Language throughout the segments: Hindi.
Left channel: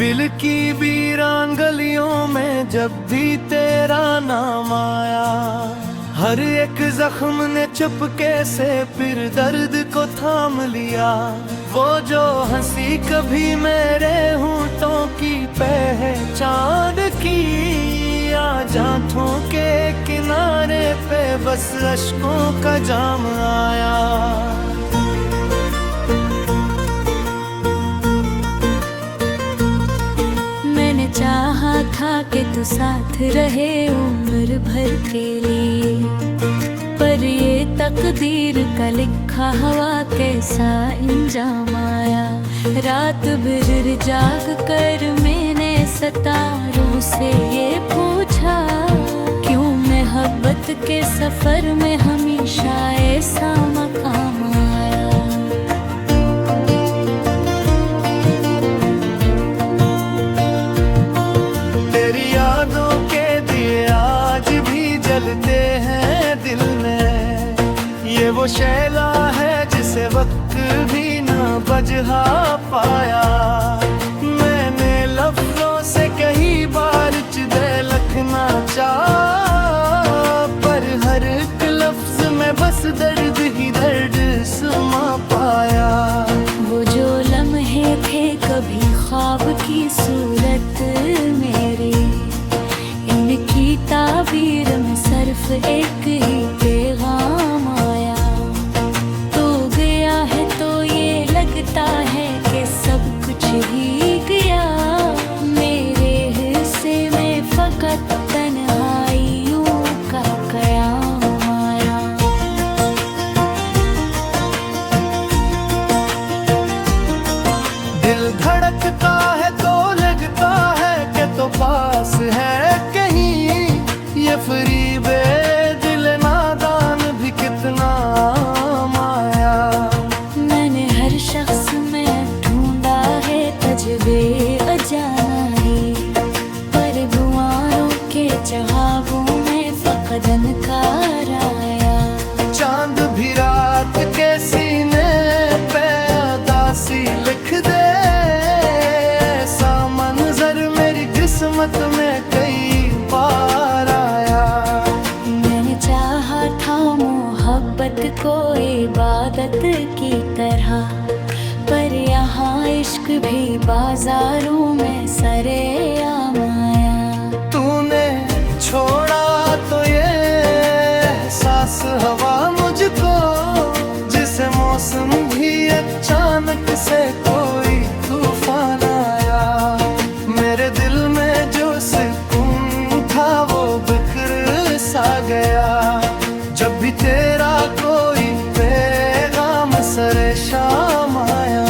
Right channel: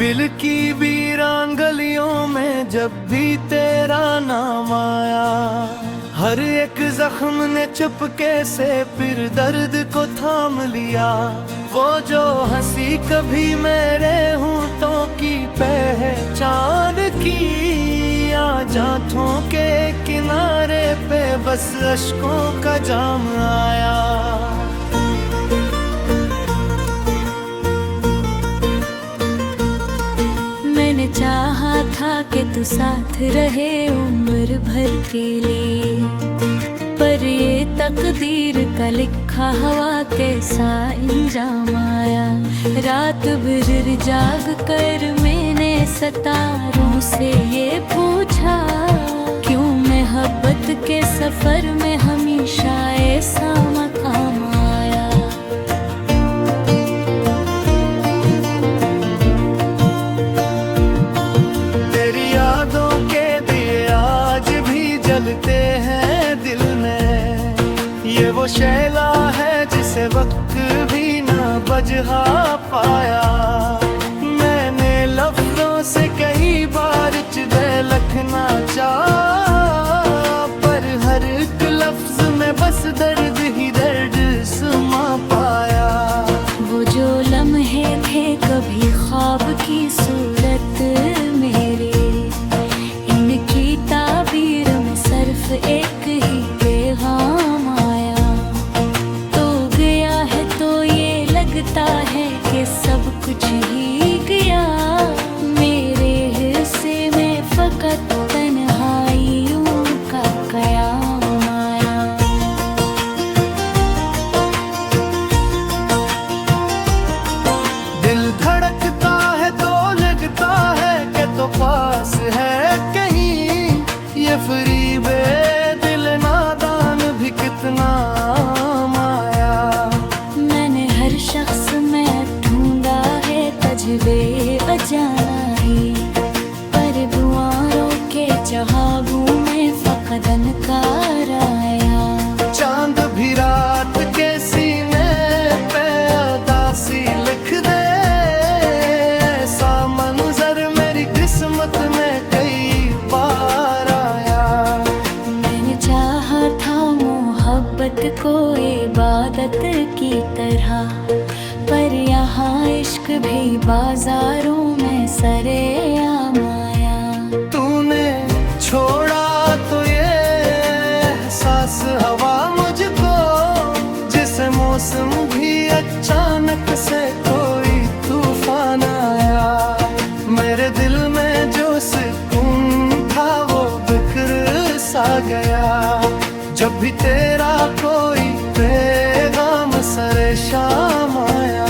दिल की वीरान गलियों में जब भी तेरा नाम आया, हर एक जख्म ने चुपके से फिर दर्द को थाम लिया। वो जो हंसी कभी मेरे होंठों की पहचान की, आज आँखों के किनारे पे बस अश्कों का जाम आया। मैंने चाहा था कि तू साथ रहे उम्र भर के लिए, पर ये तकदीर का लिखा हवा कैसा इंजाम आया। रात भर जाग कर मैंने सितारों से ये पूछा, क्यों मोहब्बत के सफर में हमेशा ऐसा मकाम आया। जलते हैं दिल में, ये वो शैला है जिसे वक्त भी ना बजहा पाया। मैंने लफ्जों से कई बार चिदे लिखना चाहा, पर हर एक लफ्ज में बस दर्द ही दर्द सुमा पाया। वो जो लम्हे थे कभी ख्वाब की सूरत मेरे, की ताबीर में सिर्फ एक ही पैगाम आया। तो गया है तो ये लगता है कि सब कुछ ही गया, मेरे हिस्से में फकत तन्हाइयों का कयाम आया। दिल धड़कता है तो लगता है कि तो पास है कहीं, ये फरीबे दिल नादान भी कितना माया। मैंने हर शख्स में ढूंढा है तजबे अजाना ही, पर दुआरों के चहाबों में फकदन का राया। चांद भी रात के सीने पे उदासी लिख दे, ऐसा मंजर मेरी किस्मत में कई बार आया। मैंने चाहा था मोहब्बत को इबादत की तरह, पर यहाँ इश्क भी बाजारों में सरेआम आया। तूने छोड़ा तो ये एहसास हवा मुझको, जिसे मौसम भी अचानक से कोई तूफान आया। मेरे दिल में जो सुकून था वो बिखर सा गया, जब भी तेरा कोई पैगाम सरे शाम आया।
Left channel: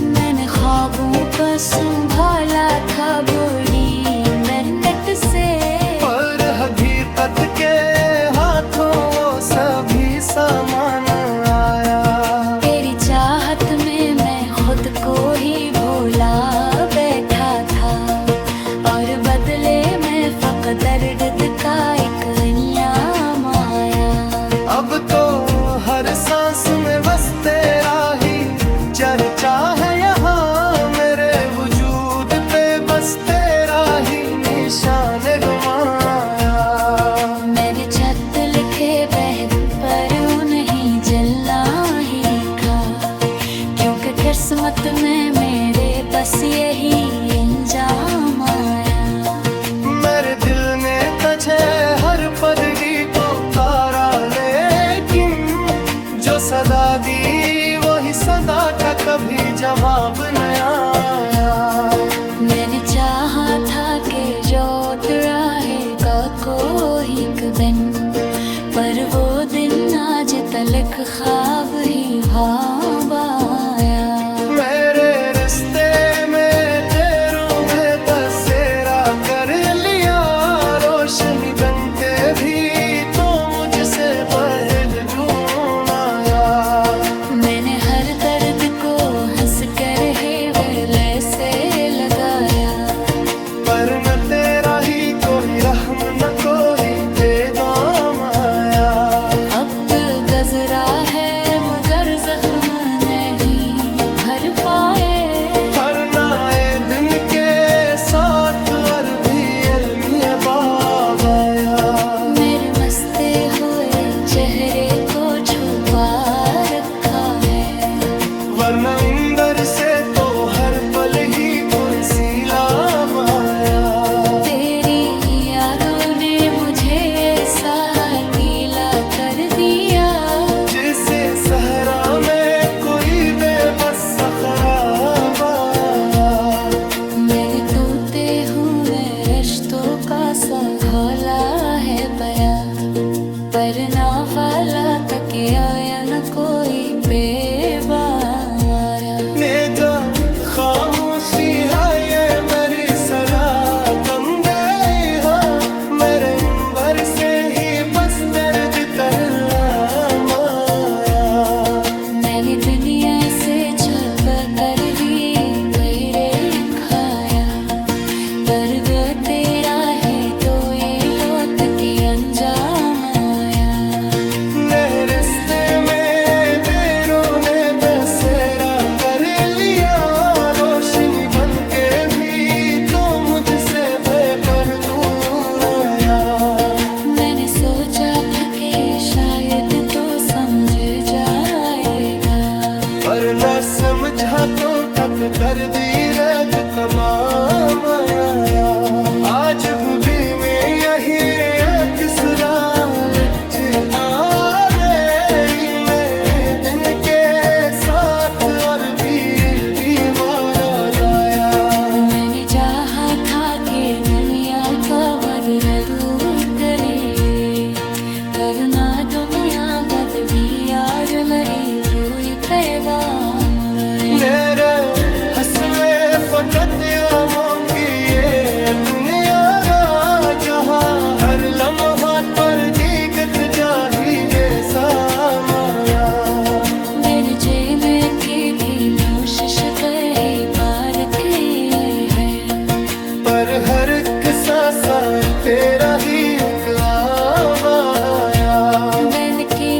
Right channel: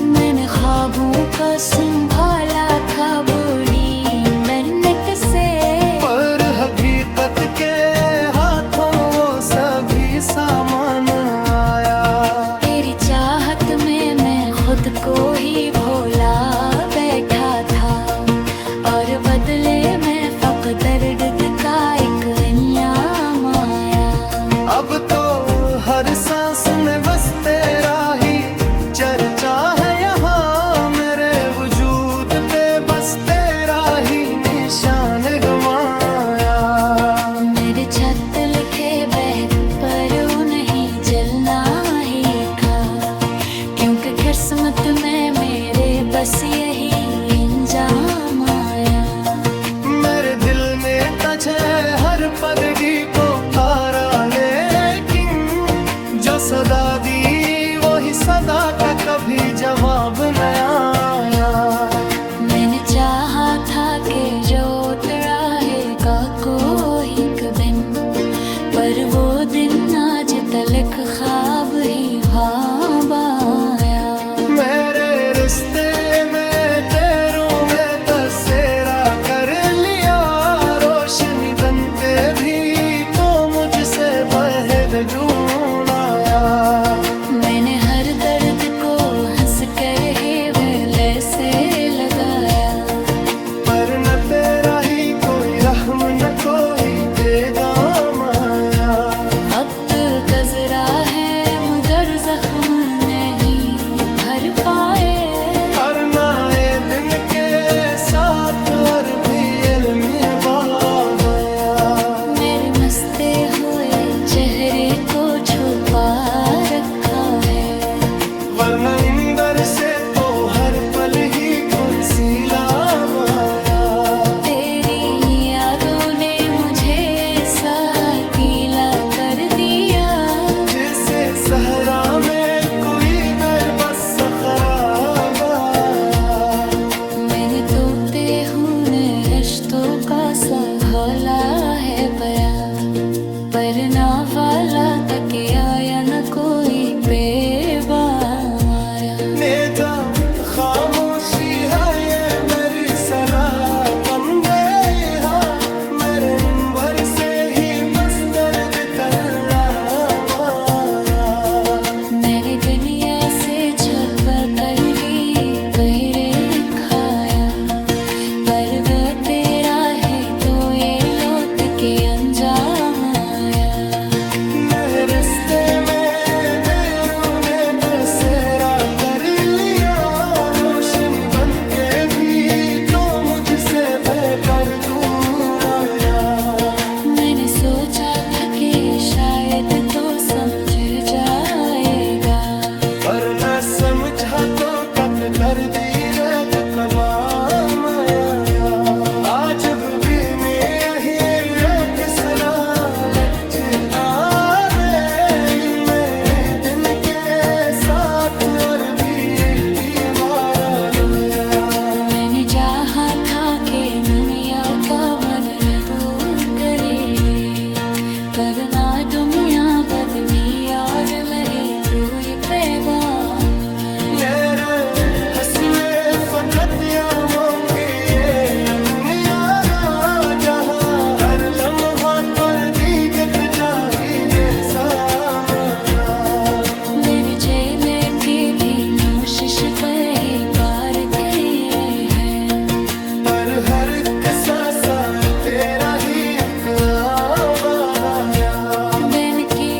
मैंने ख्वाबों को संभाला था बड़ी मेहनत से, पर हकीकत के हाथों वो सभी सामान आया। तेरी चाहत में मैं खुद को ही भोला बैठा था, और बदले में फकत दर्द का एक इंयाम आया। अब तो हर सांस में बस तेरा ही चर्चा है यहाँ, मेरे वजूद पे बस तेरा ही निशान गवाया। मेरे छत लिखे बहर पर नहीं जलना ही था, क्योंकि किस्मत में मेरे बस यही इंजाम आया। मेरे दिल ने तझे हर पदगी को तारा, लेकिन जो सदा दी वही सदा का कभी जवाब न आया। मैंने चाहा था कि रोट रहेगा कोई दिन, पर वो दिन आज तलक ख्वाब ही ख्वाब आया। मेरे रिश्ते में तेरों में बसेरा कर लिया, रोशनी बन के भी तो मुझसे पहल जून आया। मैंने हर दर्द को हंस कर है वेले से लगाया, पर न तेरा ही कोई रहम न कोई पैगाम आया। अब तो गजरा है मगर जख्म नहीं भर पाए, हर नए दिन ये बाब आया। मेरे मस्ते हुए चेहरे को छुपा रखा है, वरना इंदर से तो हर पल ही कोई सैलाब आया। तेरी यादों ने मुझे ऐसा गीला कर दिया, जिसे सहरा में कोई बेबस खराब आया। मैंने तोते हुए रिश्तों का सा घोला है पया, परना वाला तकिया या न कोई बेवारा। नेजा खामोशी है ये मेरी सरा बंदे हाँ, मेरे इंबर से ही बस दर्द तल्ला माया। मैंने दुनिया से छप कर भी पैरे खाया, पर वो तेरा है तो ये लौट के अंजाम आया। नए रिश्ते में देरों ने बसेरा कर लिया, रोशनी बन के भी तो मुझसे बेपर दूर आया। मैंने सोचा था कि शायद तो समझ जाएगा, पर न समझा तो कक दर्दी रद तमाम आया। आज भी मैं यही तीसरा लच आने में दिन के साथ और भी दीवार आया। मैंने चाहा था कि दुनिया का बदलू करे, करना दुनिया बद भी यार मेरी रूई पैगाम रहे। मेरे हंसने फकत आमों की ये दुनिया रा, जहाँ हर लम्हा पर दीगत जाहिर सामाया। मेरे जेने की भी कोशिश पे ही पार किए हैं, पर हर एक सांसा तेरा ही उतराव आया। बन की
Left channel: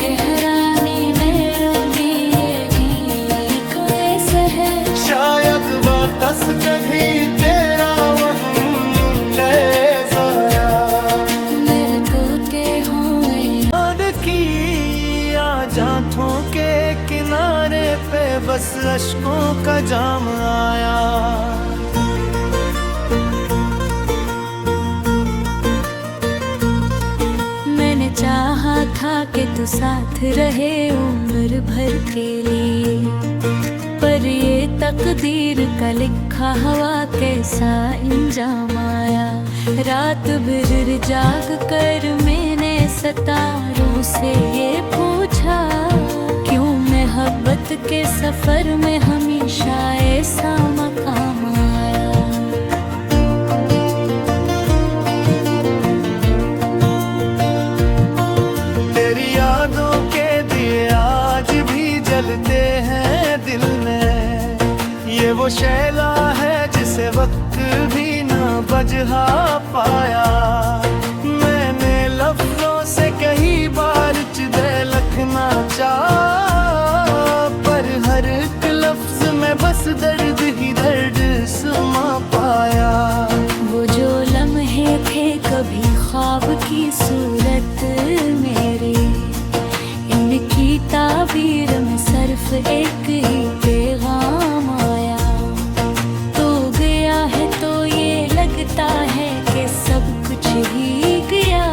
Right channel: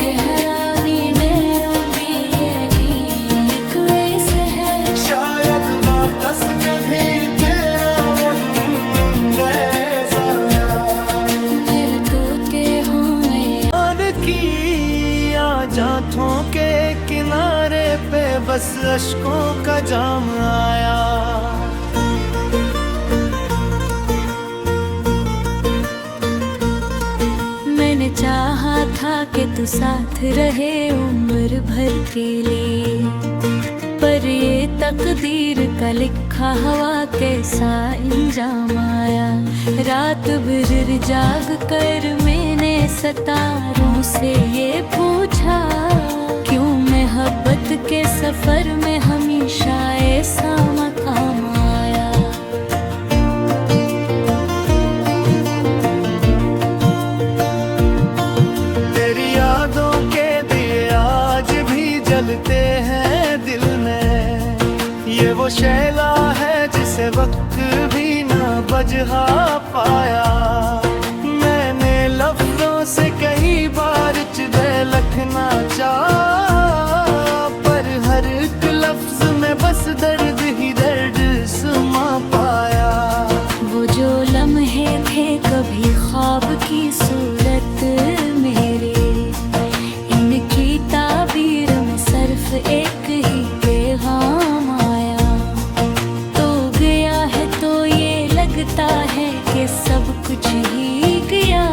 गहरानी में रुकी ये गीत ऐसा है, शायद वापस कभी तेरा वही मुंडेज आया। मेरे तोते हुए और की जांथों के किनारे पे बस अश्कों का जाम आया। मैंने चाहा था कि तू साथ रहे उम्र भर के लिए, पर ये तकदीर का लिखा हवा कैसा इंजाम आया। रात भर जाग कर मैंने सितारों से ये पूछा, क्यों मोहब्बत के सफर में हमेशा ऐसा मकाम आया। तेरी यादों के दिए आज भी जलते हैं दिल में, ये वो शैला है जिसे वक्त भी ना बजहा पाया। मैंने लफ्जों से कई बार चिदे लखना चाहा, पर हर एक लफ्ज में बस दर्द ही दर्द सुमा पाया। वो जो लम्हे थे कभी ख्वाब की सूरत मेरे, इनकी ताबीर में सिर्फ एक ही पैगाम आया। तो गया है तो ये लगता है कि सब कुछ ही गया,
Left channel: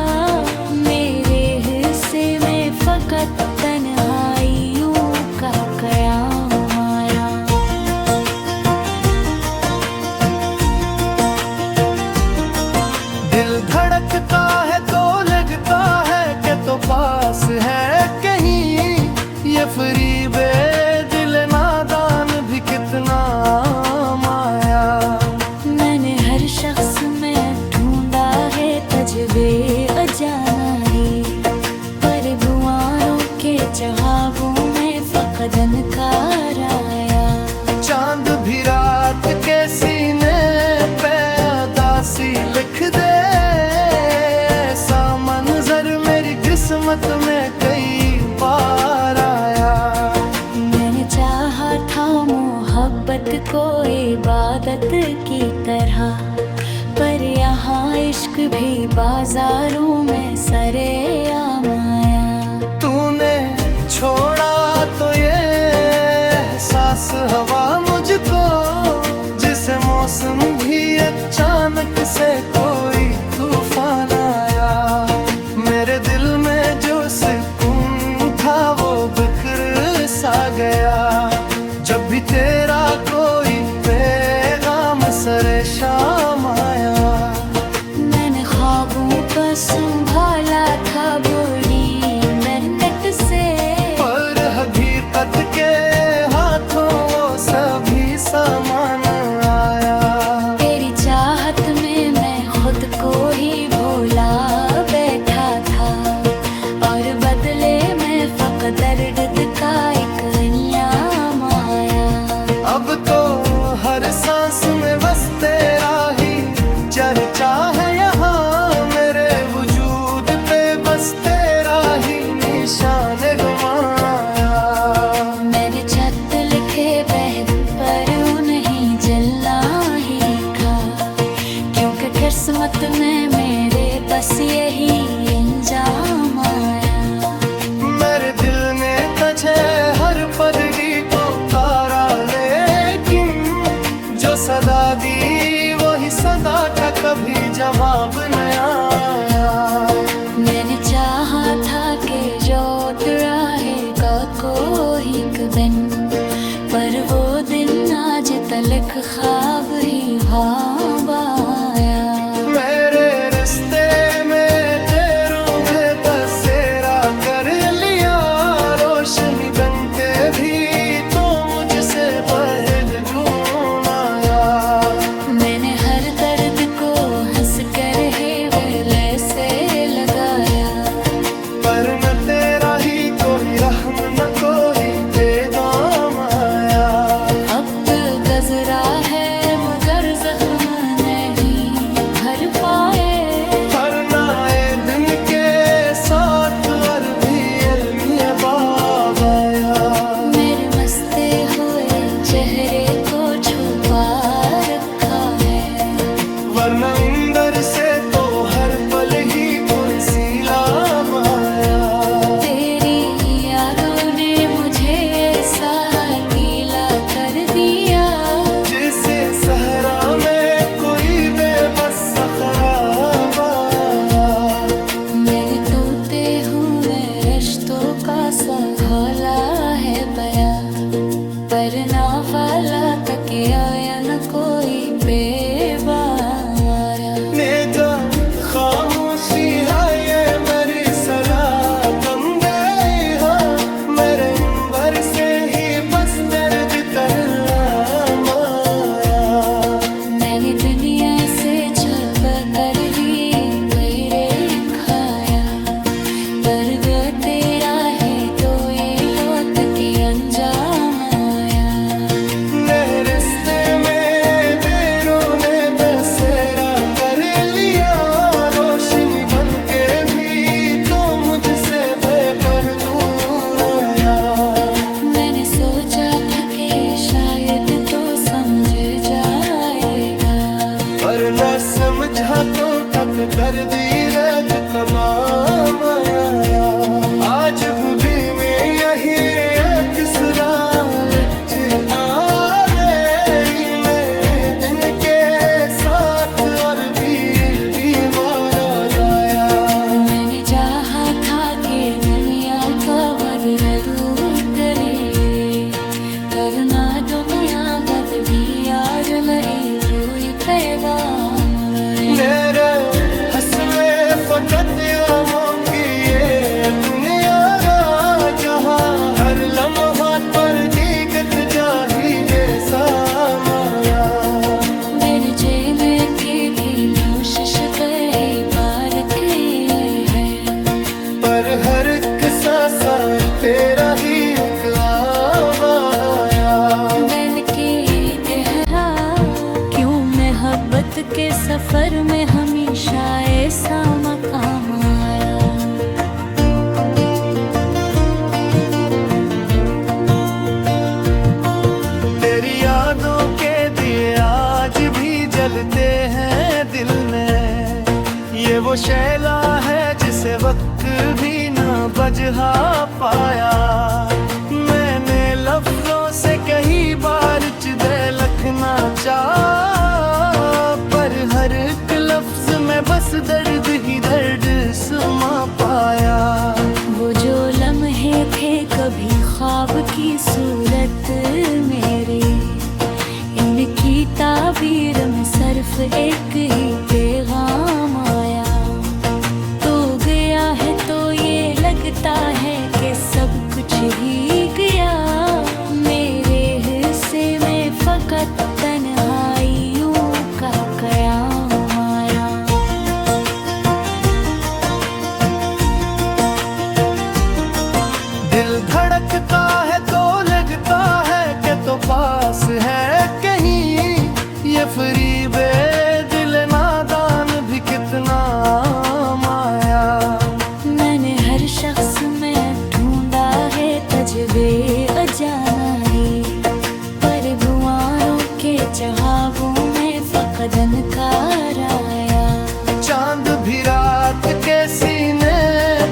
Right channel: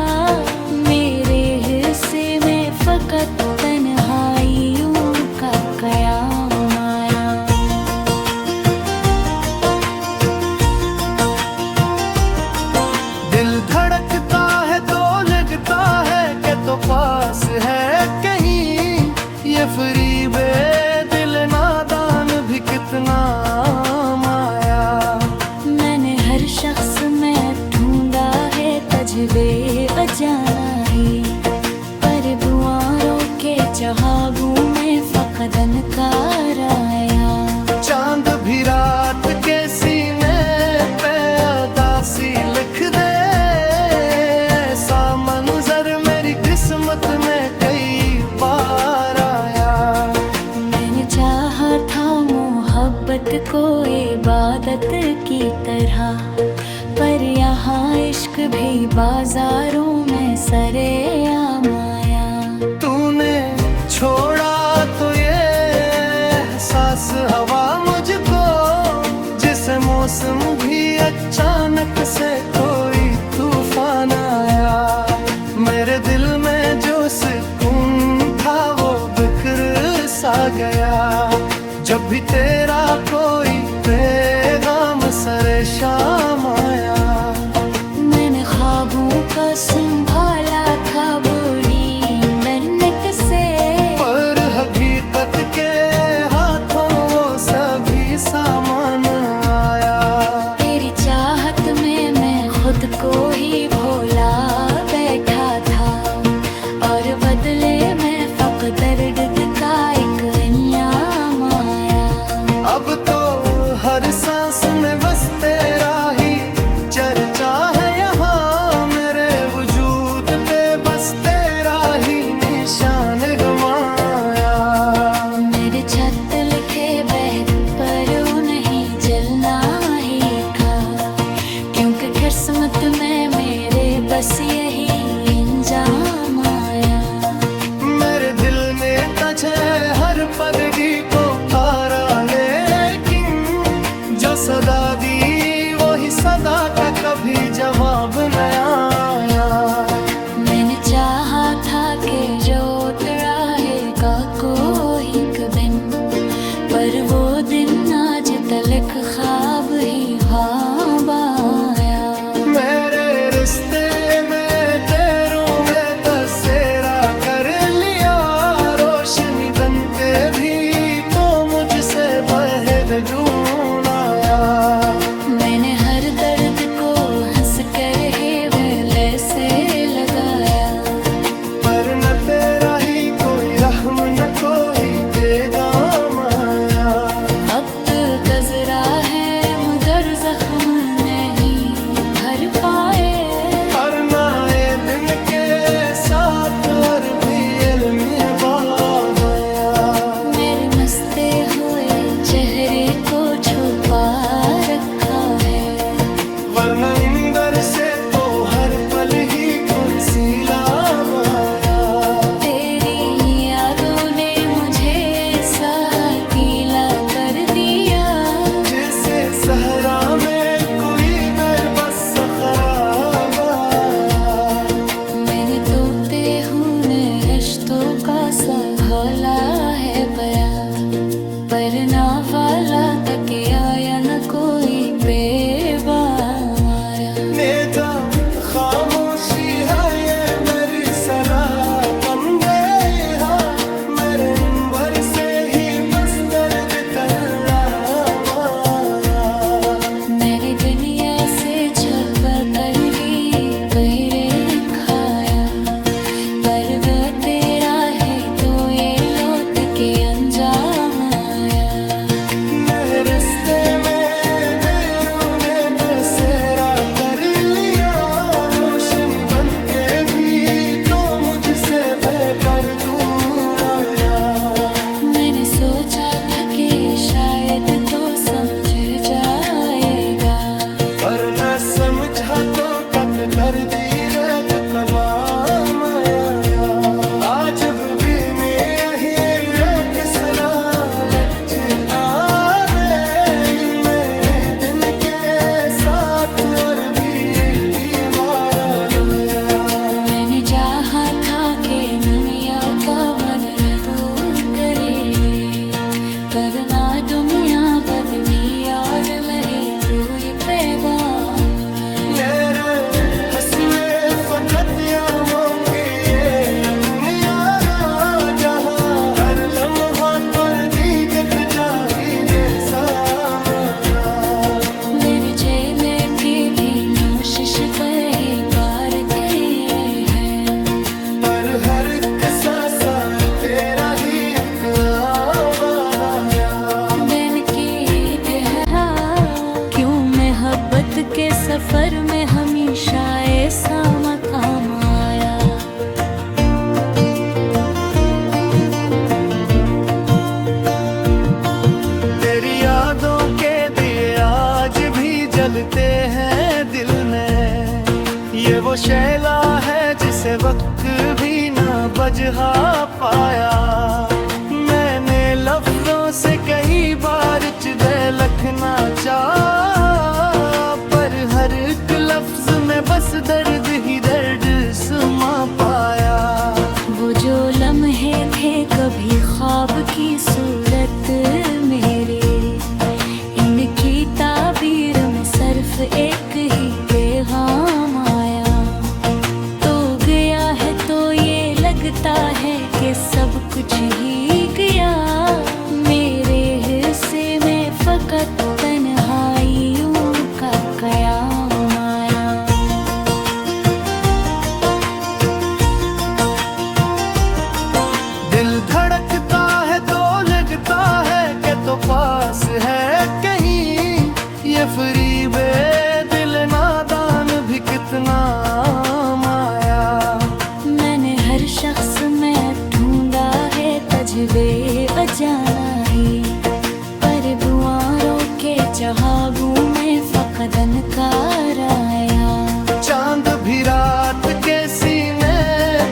मेरे हिस्से में फकत तन्हाइयों का कयाम आया। दिल धड़कता है तो लगता है कि तो पास है कहीं, ये फरीबे दिल नादान भी कितना माया। मैंने हर शख्स में ढूंढा है तजबे अजाना ही, पर दुआरों के चहाबों में फकदन कार आया। चांद भी रात के सीने पे उदासी लिख दे, ऐसा मंजर मेरी किस्मत में कई बार आया। मैंने चाहा था मोहब्बत को इबादत की तरह, पर पर यहाँ इश्क भी बाजारों में सरेआम आया। तूने छोड़ा तो ये एहसास हवा मुझको, जिसे मौसम भी अचानक से कोई तूफान आया। मेरे दिल में जो सुकून था वो बिखर सा गया, जब भी तेरा कोई पैगाम सरे शाम आया। मैंने ख्वाबों का संभाला था बोली इंटरनेट से, पर हकीकत के हाथों वो सभी सामान आया। तेरी चाहत में मैं खुद को ही भोला बैठा था, और बदले में फकत दर्द का एक इंयाम आया। अब तो हर सांस में बस तेरा ही चर्चा है यहाँ, मेरे वजूद पे बस तेरा ही निशान गवाया। मेरे छत लिखे बहर पर नहीं जलना ही था, क्योंकि किस्मत में मेरे बस यही इंजाम आया। मेरे दिल ने तझे हर पदगी को कारा, लेकिन जो सदा दी वही सदा का कभी जवाब न आया। मैंने चाहा था कि रोत रहेगा कोई दिन, पर वो दिन आज तलक ख्वाब ही ख्वाब आया। मेरे रिश्ते में तेरों ने बसेरा कर लिया, रोशनी बनते भी तो मुझसे पहल जून आया। मैंने हर दर्द को हंस कर हेवले से लगाया, पर न तेरा ही कोई रहम न कोई पैगाम आया। अब गजरा है मगर जख्म नहीं भर पाए, हर नए दिन के साथ और भी अलमिया बाब आया। मेरे मस्ते हुए चेहरे को छुपा रखा है, वरना इंदर से तो हर पल ही कोई सैलाब आया। तेरी यादों ने मुझे ऐसा अकेला कर दिया, जिसे सहरा में कोई बेबस खराब आया। मैंने तोते हुए रिश्तों का सा घोला है पया, पर ना वाला तक आया न कोई बेवारा। नेजा खामोशी है ये मेरी सरा बंदे, मेरे इंबर से ही बस दर्द तल्ला माया। मैंने दुनिया से छप कर भी पैरे खाया, पर वो तेरा है तो ये लौट के अंजाम आया। नए रिश्ते में देरों ने बसेरा कर लिया, रोशनी बन के भी तो मुझसे बेपर दूर आया। मैंने सोचा था कि शायद तो समझ जाएगा, पर न समझा तो तक दर्दी रख तमाम आया। आज भी मैं यही तीसरा लच आने में दिन के साथ और भी दीवार आया। मैंने चाहा था कि दुनिया का बदलू करे, करना दुनिया बद भी यार मेरी रूई पैगाम रहे। मेरे हंसने फकत आमों की ये दुनिया जहाँ हर लम्हा पर दीगत चाहिए सामाया। मेरे जेने की भी कोशिश पे ही पार किए हैं, पर हर एक सांसा तेरा ही उकराया। दिन की क्यों मोहब्बत के सफर में हमेशा ऐसा मकाम आया। तेरी यादों के दिए आज भी जलते हैं दिल में, ये वो शैला है जिसे वक्त भी ना बजहा पाया। मैंने लफ्जों से कई बार चिदे लखना चाहा, पर हर एक लफ्ज में बस दर्द ही दर्द सुमा पाया। वो जो लम्हे थे कभी ख्वाब की सूरत मेरे, इनकी ताबीर में सिर्फ एक ही पैगाम आया। तो गया है तो ये लगता है कि सब कुछ ही गया, मेरे हिस्से में फकत तन्हाइयों का कयाम आया। दिल धड़कता है तो लगता है कि तो पास है कहीं, ये फरीबे दिल नादान भी कितना माया। मैंने हर शख्स में ढूंढा है तजबे अजाना ही, पर दुआरों के चहाबों में फकदन कार आया। चांद भी रात के सीने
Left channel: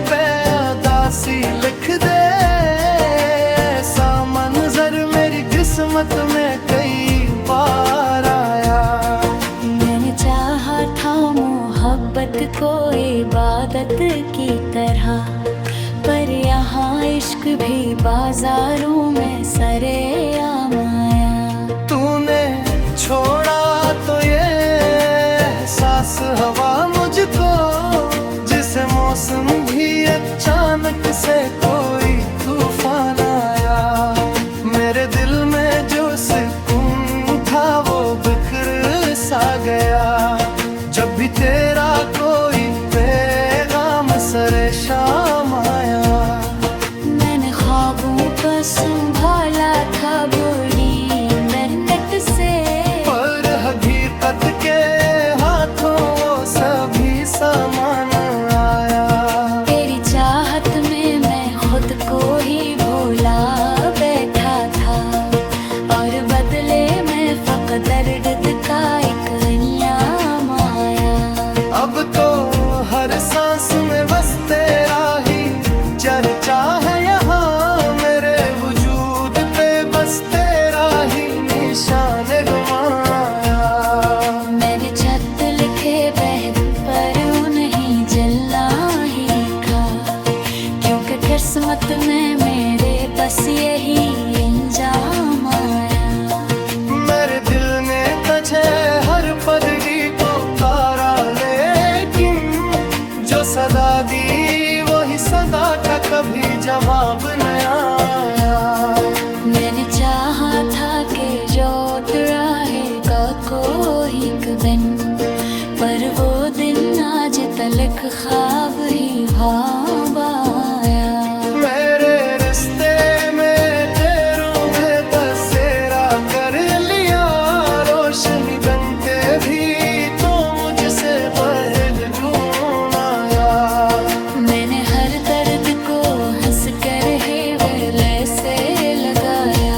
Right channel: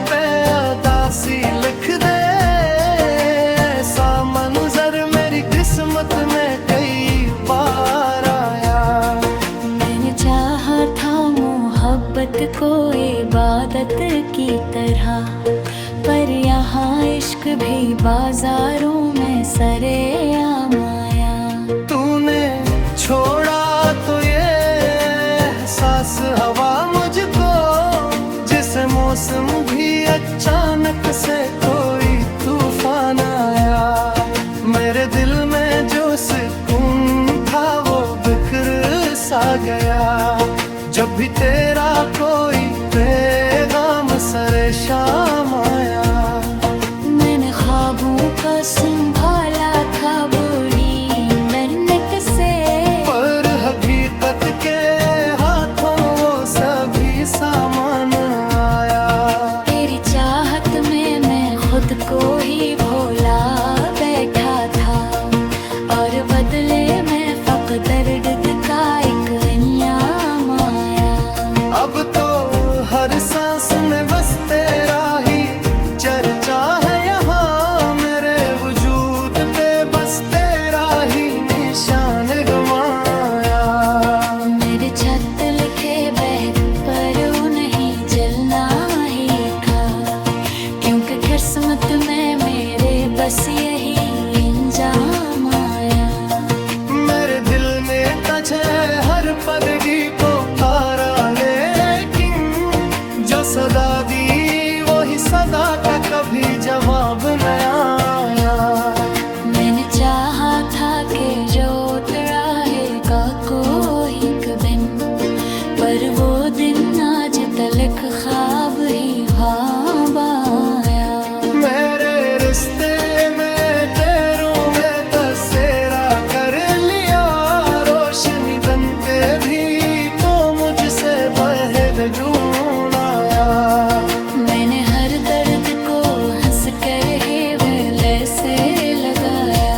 पे उदासी लिख दे, ऐसा मंजर मेरी किस्मत में कई बार आया। मैंने चाहा था मोहब्बत को इबादत की तरह, पर यहाँ इश्क भी बाजारों में सरेआम आया। तूने छोड़ा तो ये एहसास हवा मुझको, जिसे मौसम भी अचानक से कोई तूफान आया। मेरे दिल में जो सुकून था वो बिखर सा गया, जब भी तेरा कोई पैगाम सरे शाम आया। मैंने ख्वाबों को संभाला था बड़ी मेहनत से, पर हकीकत के हाथों वो सभी सामान आया। तेरी चाहत में मैं खुद को ही भोला बैठा था, और बदले में फकत दर्द का एक इनाम आया। अब तो हर सांस में बस तेरा ही चर्चा है यहाँ, मेरे वजूद पे बस तेरा ही निशान गमाया। मेरे छत लिखे बहर पर नहीं जलना ही था, क्योंकि किस्मत में मेरे बस यही इंजाम आया। मेरे दिल ने तझे हर पदगी को कारा, लेकिन जो सदा दी वही सदा का कभी जवाब न आया। मैंने चाहा था कि रोट रहेगा कोई एक दिन, पर वो दिन आज तलक ख्वाब ही ख्वाब आया। मेरे रिश्ते में तेरों में बसेरा कर लिया, रोशनी बनते भी तो मुझसे पहल जून आया। मैंने हर दर्द को हंस कर है वेले से लगाया,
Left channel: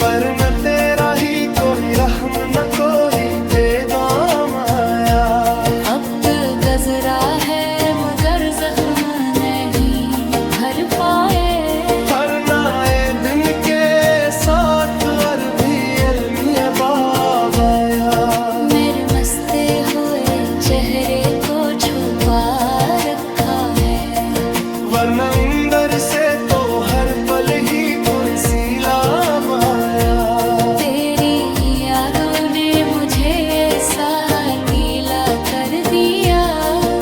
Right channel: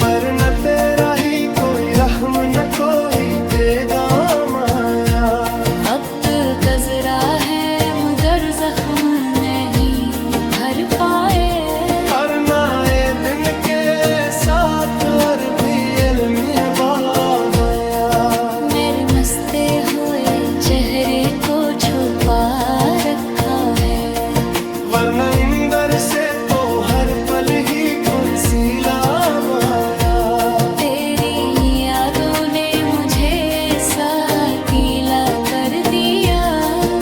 पर न तेरा ही कोई रहम न कोई पैगाम आया। वक्त गजरा है मगर जख्म नहीं भर पाए, हर नए दिन के साथ और भी अलमिया बाब आया। मेरे मस्ते हुए चेहरे को छुपा रखा है, वरना इंदर से तो हर पल ही कोई सैलाब आया। तेरी यादों ने मुझे ऐसा अकेला कर दिया,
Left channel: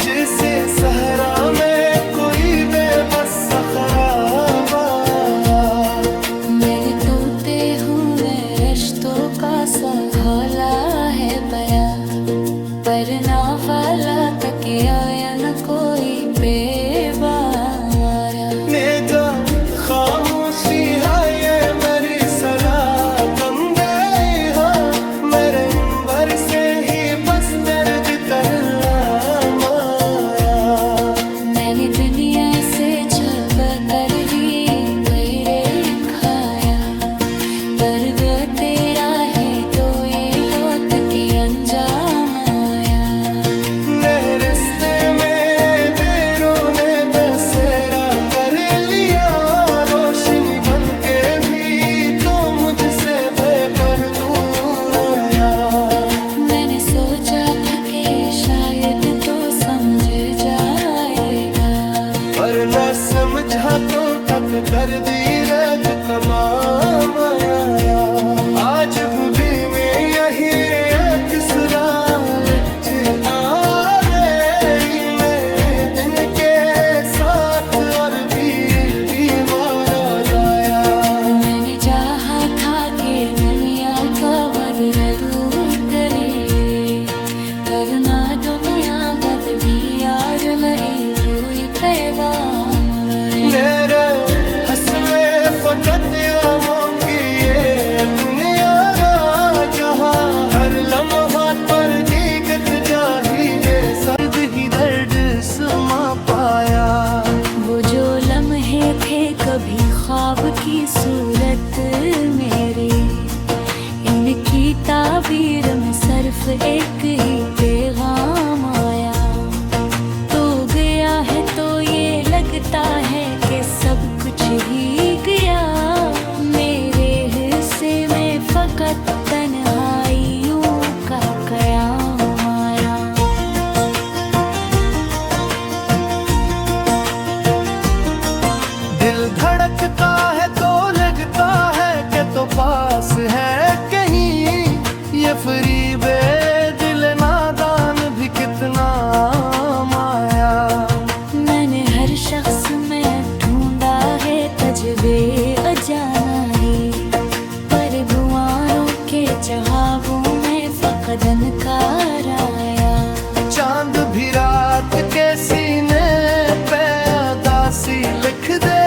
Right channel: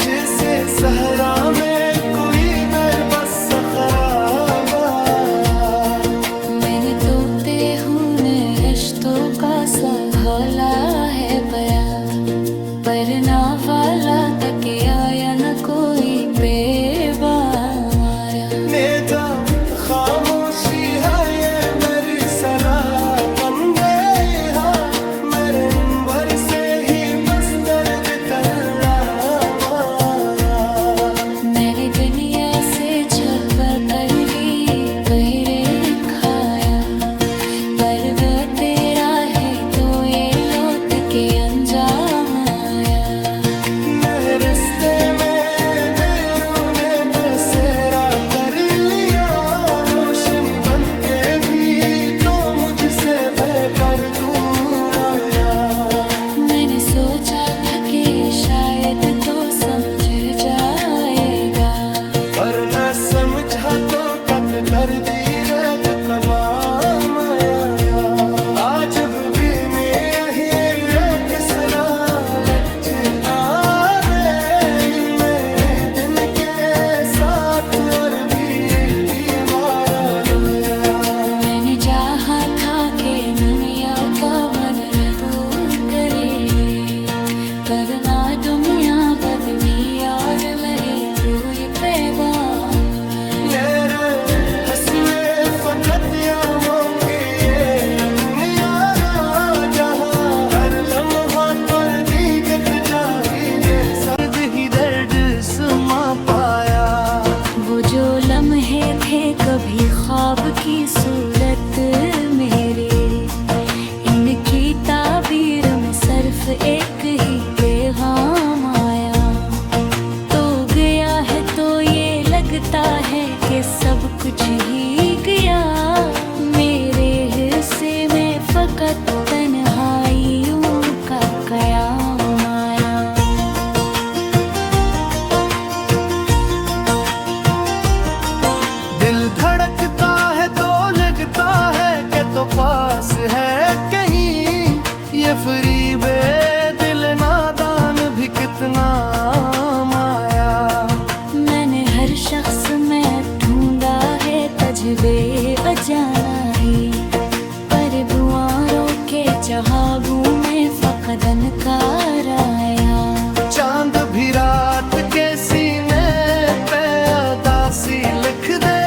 जिसे सहरा में कोई बेबस खराब आया। मैंने तोते हुए रिश्तों का सा घोला है पाया, पर ना वाला तक आया न कोई बेवारा। नेजा खामोशी है ये मेरी सरा बंदे, मेरे अंबर से ही बस दर्द तल्ला माया। मैंने दुनिया से छप कर भी पैरे खाया, पर वो तेरा है तो ये लौट के अंजाम आया। नहर रिश्ते में देरों ने बसेरा कर लिया, रोशनी बन के भी तो मुझसे बेपर दूर आया। मैंने सोचा था कि शायद तो समझ जाएगा, पर न समझा तो कब दर्दी रग तमाम आया। आज भी मैं यही तीसरा लच आ गई, मैं दिन के साथ और भी एक दीवार आया। मैंने चाहा था कि दुनिया को बदलूं करे, करना दुनिया बदली यार मेरी कोई पैगाम रहे। मेरे हंसने फकत आमों की ये दुनिया जहाँ हर लम्हा पर दीगत जाहिरे सर्द ही दर्द सुमा पाया। वो जो लम्हे थे कभी ख्वाब की सूरत मेरे, इनकी ताबीर में सिर्फ एक ही पैगाम आया। तो गया है तो ये लगता है कि सब कुछ ही गया, मेरे हिस्से में फकत तन्हाइयों का कयाम आया। दिल धड़कता है तो लगता है कि तो पास है कहीं, ये फरीबे दिल नादान भी कितना माया। मैंने हर शख्स में ढूंढा है तजबे अजाना ही, पर दुआरों के जहाबों में फकदन कार आया। चांद भी रात के सीने पे उदासी लिख दे,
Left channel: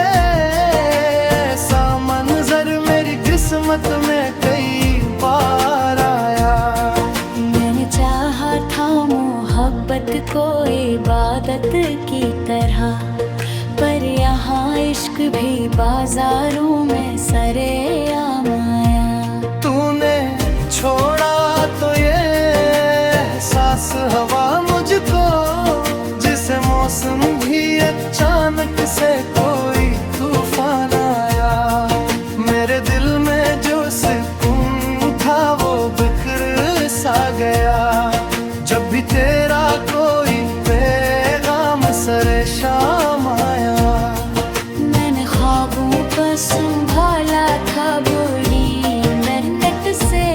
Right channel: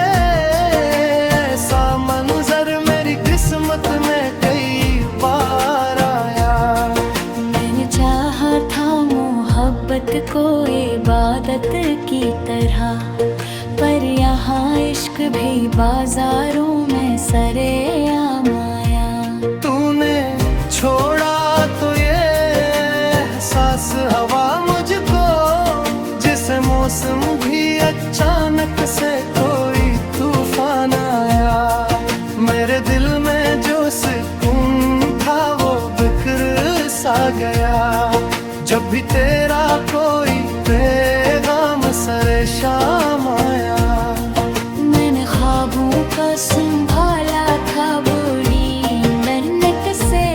ऐसा मंजर मेरी किस्मत में कई बार आया। मैंने चाहा था मोहब्बत को इबादत की तरह, पर यहाँ इश्क भी बाजारों में सरेआम आया। तूने छोड़ा तो ये एहसास हवा मुझको, जिसे मौसम भी अचानक से कोई तूफान आया। मेरे दिल में जो सुकून था वो बिखर सा गया, जब भी तेरा कोई पैगाम सरे शाम आया। मैंने ख्वाबों को संभाला था बड़ी मेहनत से,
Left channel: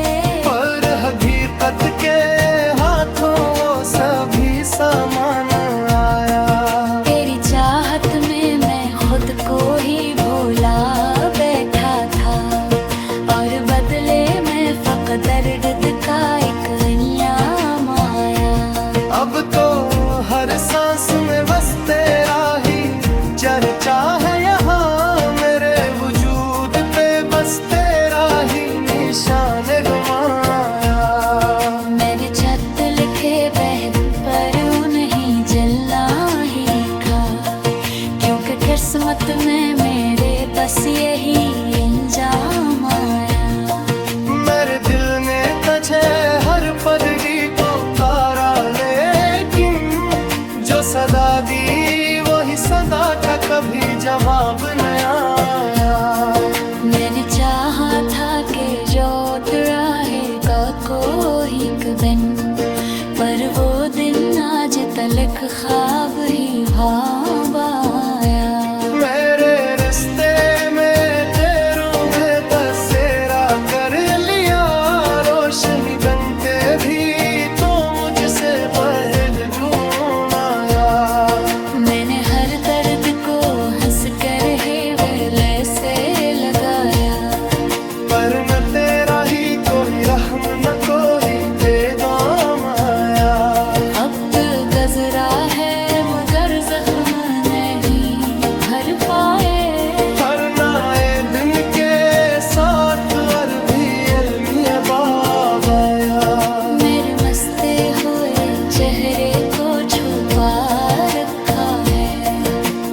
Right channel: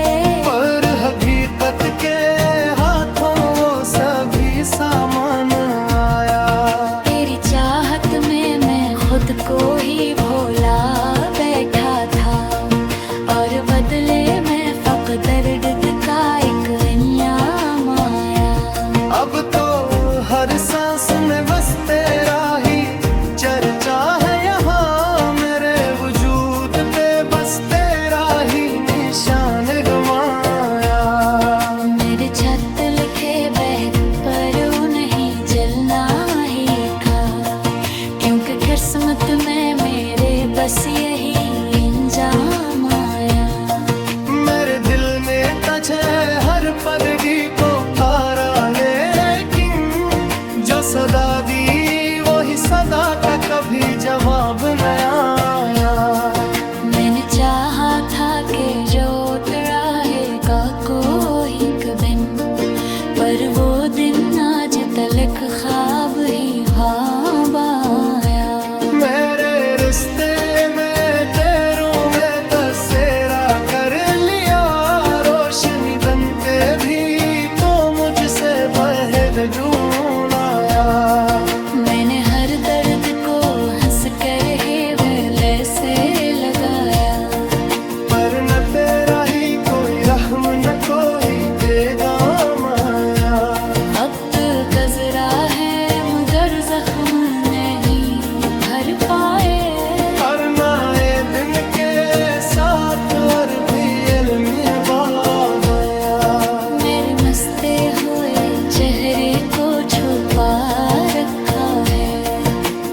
पर हकीकत के हाथों वो सभी सामान आया। तेरी चाहत में मैं खुद को ही भोला बैठा था, और बदले में फकत दर्द का एक इंयाम आया। अब तो हर सांस में बस तेरा ही चर्चा है यहाँ, मेरे वजूद पे बस तेरा ही निशान गमाया। मेरे छत लिखे बहरू पर नहीं जलना ही था, क्योंकि किस्मत में मेरे बस यही इंजाम आया। मेरे दिल ने तझे हर परगी को कारा, लेकिन जो सदा दी वही सदा का कभी जवाब न आया। मैंने चाहा था कि जो रहेगा कोई दिन, पर वो दिन आज तलक ख्वाब ही ख्वाब आया। मेरे रिश्ते में तेरों ने बसेरा कर लिया, रोशनी बनते भी तो मुझसे पहल जून आया। मैंने हर दर्द को हंस कर है वेले से लगाया, पर न तेरा ही कोई रहम न कोई पैगाम आया। अब तो गजरा है मगर जख्म नहीं भर पाए, हर नए दिन के साथ और भी अलमिया बाब आया। मेरे मस्ते हुए चेहरे को छुपा रखा है,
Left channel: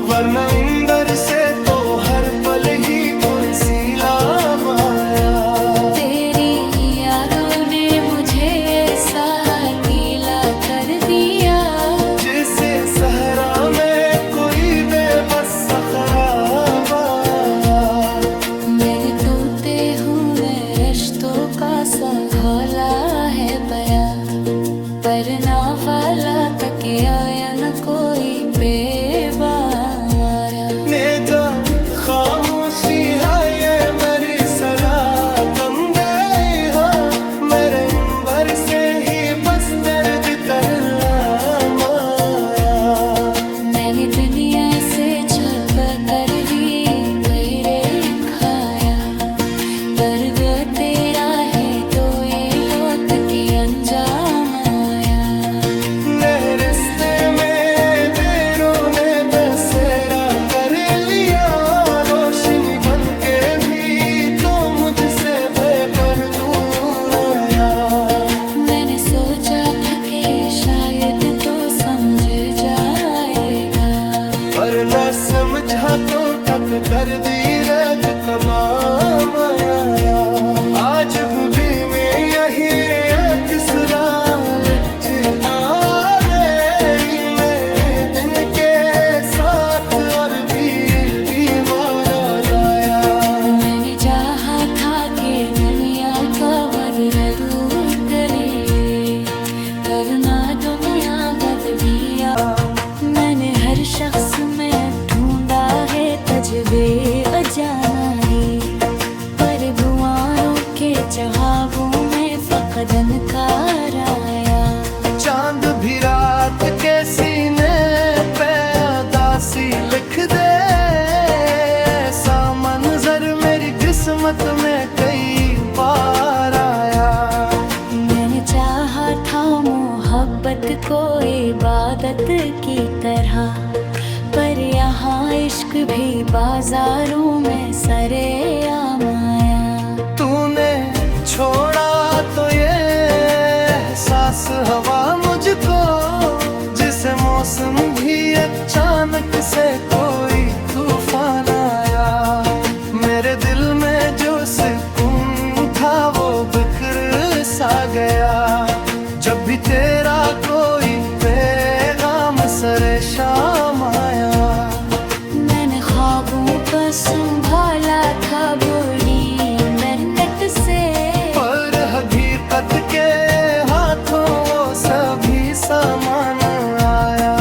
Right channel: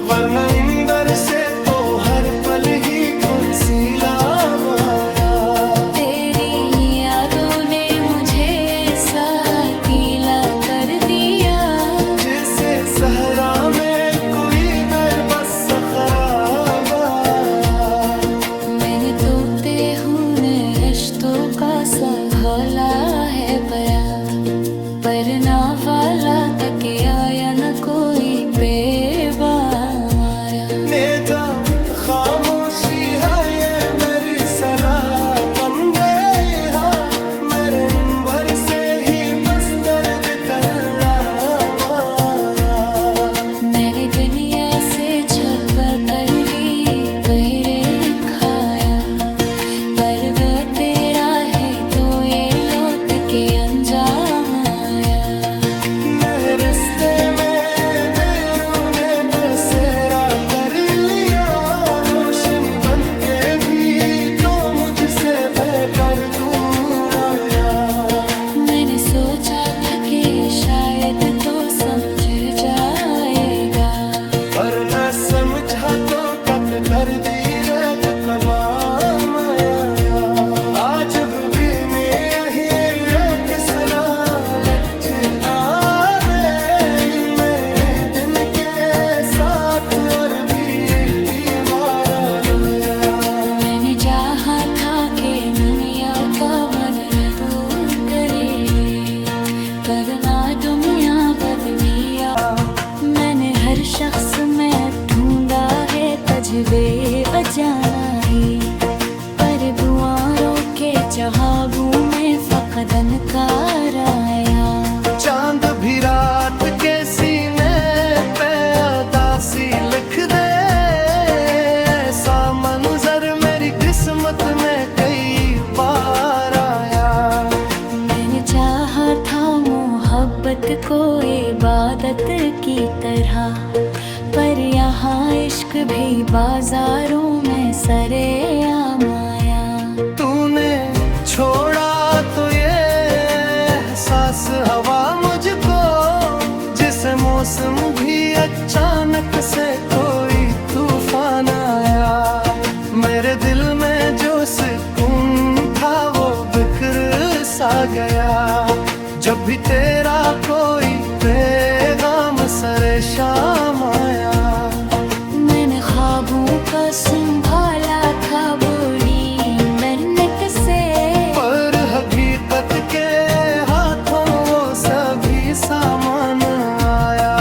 वरना इंदर से तो हर पल ही कोई सैलाब आया। तेरी यादों ने मुझे ऐसा गीला कर दिया, करना वाला तके आया न कोई बेवारा। नेजा खामोशी है ये मेरी सरा बंदे हाँ, मेरे भर से ही बस दर्द तल्ला माया। मैंने दुनिया से छप कर ही पैरे खाया, पर वो तेरा है तो ये लौट के अंजाम आया। रिश्ते में देरों ने बसेरा कर लिया, रोशनी बन के भी तो मुझसे बेपर दूर आया। मैंने सोचा था कि शायद तो समझ जाएगा, पर न समझा तो कब कर दी रद तमाम आया। आज भी मैं यही तीसरा लेक्चर आ रही मैं दिन के साथ और भी आया। मैंने चाहा था कि दुनिया का बदलू करे, करना दुनिया बदलिया। मैंने हर शख्स में ढूंढा है तजबे अजाना ही, पर दुआरों के चहाबू में फकदन कार आया। चांद भी रात के सीने पे उदासी लिख दे, ऐसा मंजर मेरी किस्मत में कई बार आया। मैंने चाहा था मोहब्बत को इबादत की तरह, पर यहाँ इश्क भी बाजारों में सरेआम आया। तूने छोड़ा तो ये एहसास हवा मुझको, जिसे मौसम भी अचानक से कोई तूफान आया। मेरे दिल में जो सुकून था वो बिखर सा गया, जब भी तेरा कोई पैगाम सरे शाम आया। मैंने ख्वाबों का संभाला था बड़ी मेहनत से, पर हकीकत के हाथों वो सभी सामान आया।